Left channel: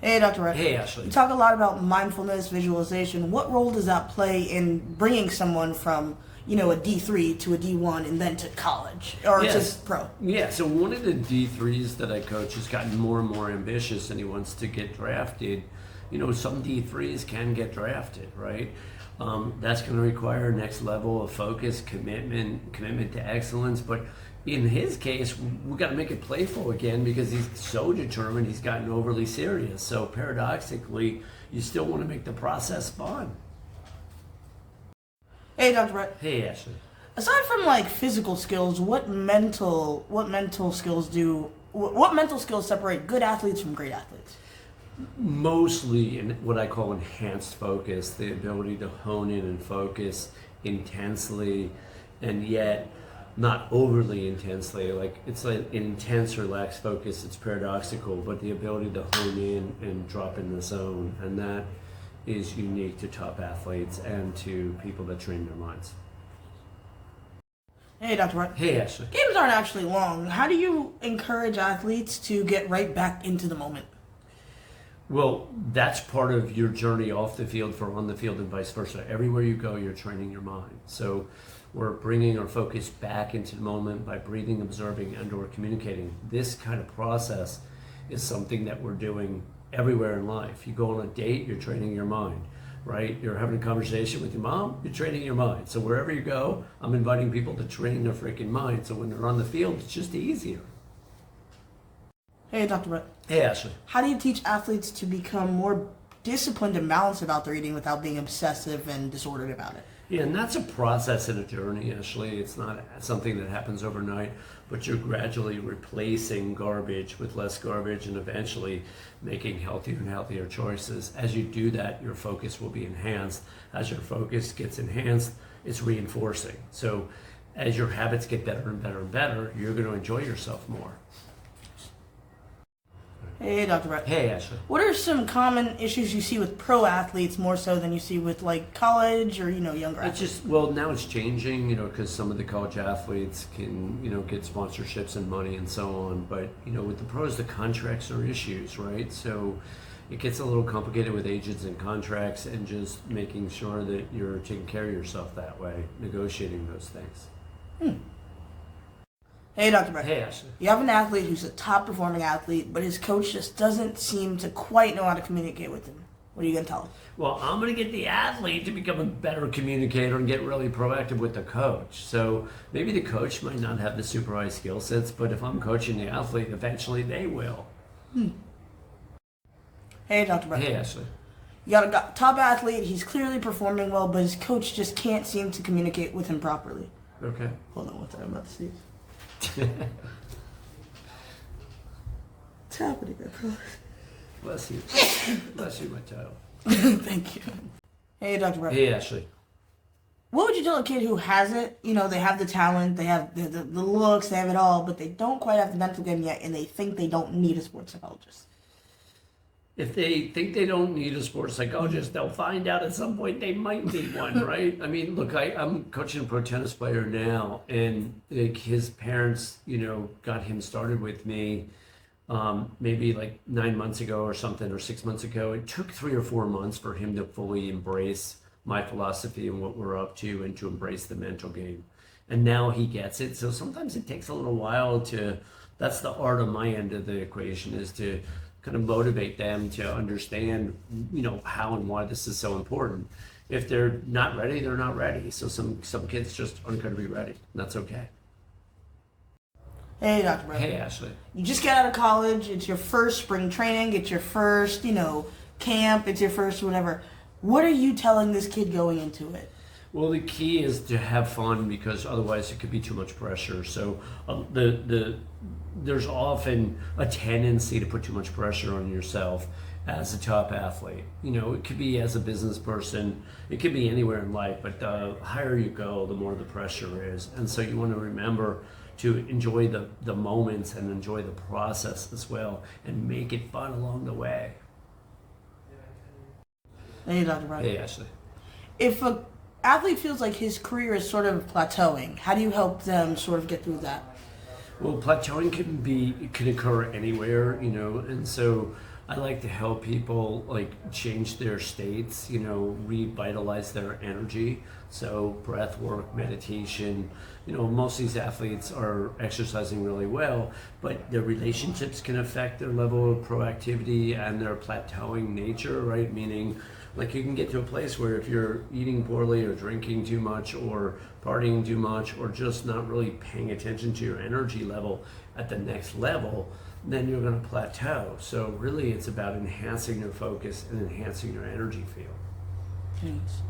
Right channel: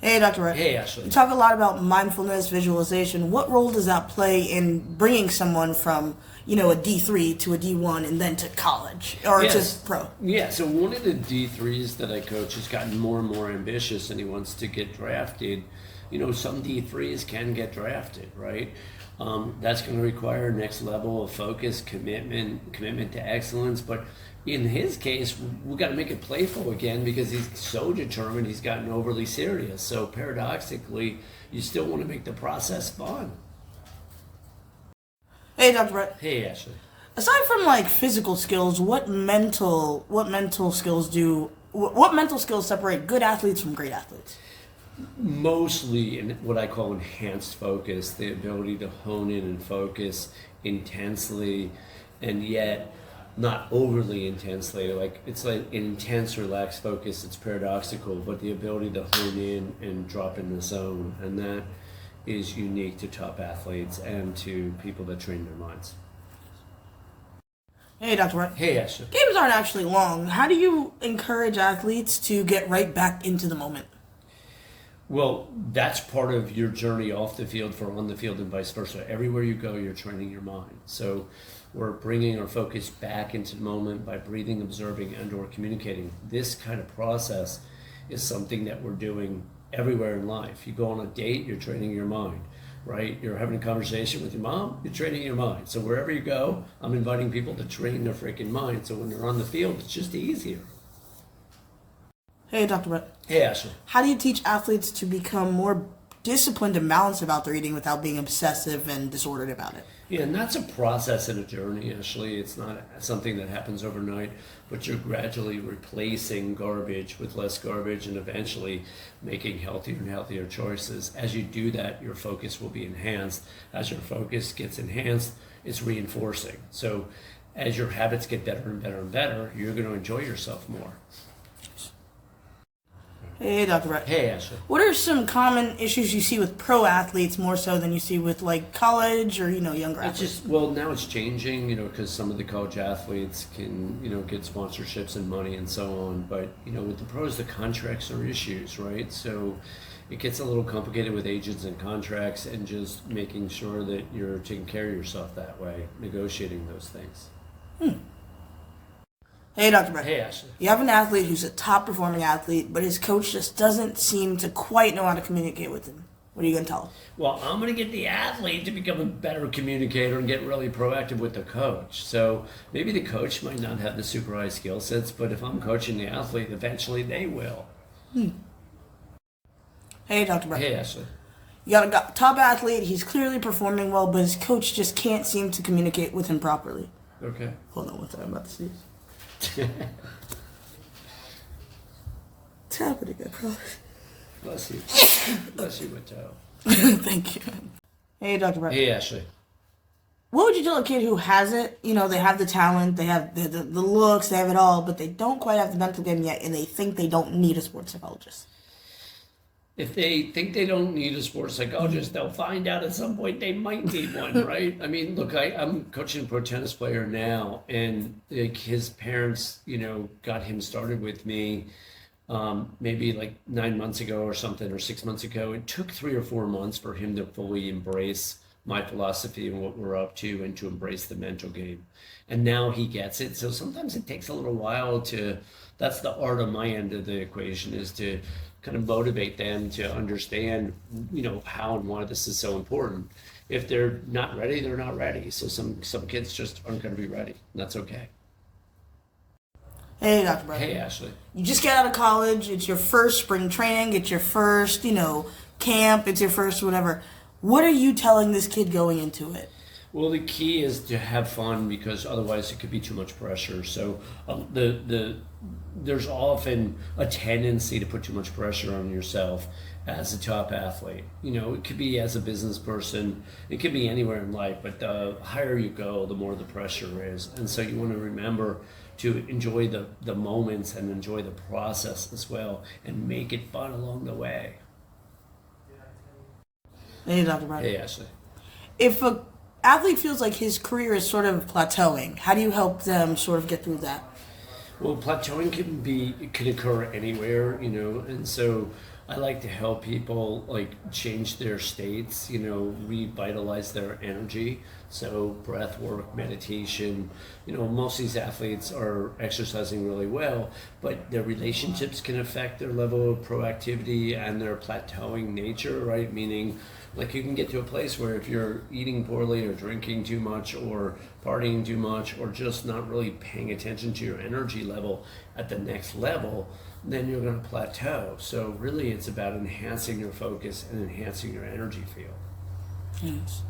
Hey, Dr. Wright. Hey, You Ashley. talk a lot about mindfulness, visualization. What role does that play in bringing someone from, a D3 to a D1 and then to college or to Yes. pro? Yeah, so one of the D3s that I coach has gotten more and more ambitious and he wants to get drafted. Some D3s can get drafted, right? That's going to require next level of focus, commitment to excellence. But in his case, we got to make it playful again because he's so determined he's gotten overly serious. So paradoxically, you still want to make the process fun. Hey, Dr. Wright. Hey, Ashley. Aside from like physical skills, what mental skills separate good athletes from great athletes? Mostly in what I call enhanced focus, the ability to hone in and focus intensely and yet not overly intensely. Like it's like an intense, relaxed focus. It's paradoxical, but the ability to hone in and drop in the zone, and that is unique to top athletes and to people that train their minds. Hey, Dr. Wright. Hey, Ashley. Games aren't actually long. How do you encourage athletes to get right back into the moment? Well, that's part of your journey off the field for on the field and vice versa. Everywhere you go, you're training your mind. So we're bringing our focus back into the moment by breathing, observing, and or communicating. This kind of process is something that we're doing everywhere in life. You go on a date, you're training your mind, right? You're having a conversation with your mom, you're training your mind. So wherever you go, I'm inviting people to train their freaking mind. So when they're on the field, it's just easier. Hey, Dr. Wright. Hey, Ashley. How do you teach athletes to become more disciplined and balanced about their eating without being obsessive and disordered about it? Yeah, and that's a process and a journey, Ashley. It's not something that happens overnight, but you're gradually replacing garbage with less garbage and eventually making healthier and healthier choices. As you do that, your focus will be enhanced. As your focus gets enhanced, it's reinforcing. So as your habits get better and better and better, you're going to enjoy yourself more. Hey, Dr. Brett. Hey, Ashley. What are some common issues you see with pro athletes more so than you see with like college or, younger athletes? Well, now it's changing, because some of the college athletes can, get sponsorships and money and so on. But, with the pros, the contracts are issues, right? So it gets a little complicated with agents and contracts and just making sure that you're taking care of yourself that way, negotiating those things. Hey, Dr. Brett. Hey, Ashley. You have an athlete who's a top performing athlete, but his coach just doesn't seem to quite know how to communicate with him. What are you going to tell him? Well, I'm going to get the athlete to become a better communicator and get really proactive with the coach. So maybe the coach might not have the super high skill sets, but if I'm coaching the athlete, eventually they will. Hey, Dr. Brett. Hey, Ashley. You got a top athlete, he's clearly performing well, but his coach just can't seem to communicate with him properly. Okay. Hold on, what's I'm about to sneeze. It's happening, I promise. Bless you. Bless you, my child. Thank you. Hey, Dr. Brett. Hey, Ashley. What would you tell a kid who has it? They have the talent, they have the looks, they have it all, but they don't quite have the mental game yet, and they think they don't need a sports psychologist. If they think they don't need a sports psychologist, they'll find out at some point they might need one, right? I mean, look, I'm coaching a pro tennis player now, and like his parents, got him started with me maybe like 9 months ago or something, or 6 months ago. It took 3 or 4 months for him to fully embrace my philosophy and what we're up to and to embrace the mental game. And now he gets it. So sometimes it takes a little while that's the art of my end of the equation, is to kind of motivate them to understand, how and why this is so important. If they're not ready, they're not ready. So some kids just aren't going to be ready, and that's okay. Hey, Dr. Brett. Hey, Ashley. You just get out of college, it's your first spring training, it's your first, camp, it's your first whatever. What are you telling this kid going into it? Well, the key is to have fun, because otherwise it could be too much pressure. So there's often a tendency to put too much pressure on yourself as a top athlete. It could be as a business person, it could be anywhere in life, but the higher you go, the more the pressure is. And so you want to remember to enjoy the moments and enjoy the process as well, and make it fun along the way. Hey, Dr. Brett. Hey, Ashley. If a athlete feels like his career is sort of plateauing, how do you help them sort of get through that? Well, plateauing can occur anywhere, and so I like to help people like change their states, you know, revitalize their energy. So breath work, meditation, you know, most of these athletes are exercising really well, but their relationships can affect their level of proactivity and their plateauing nature, right? Meaning like you can get to a place where if you're eating poorly or drinking too much or partying too much or just not really paying attention to your energy level at the next level, then you're going to plateau. So really it's about enhancing your focus and enhancing your energy field. Yes.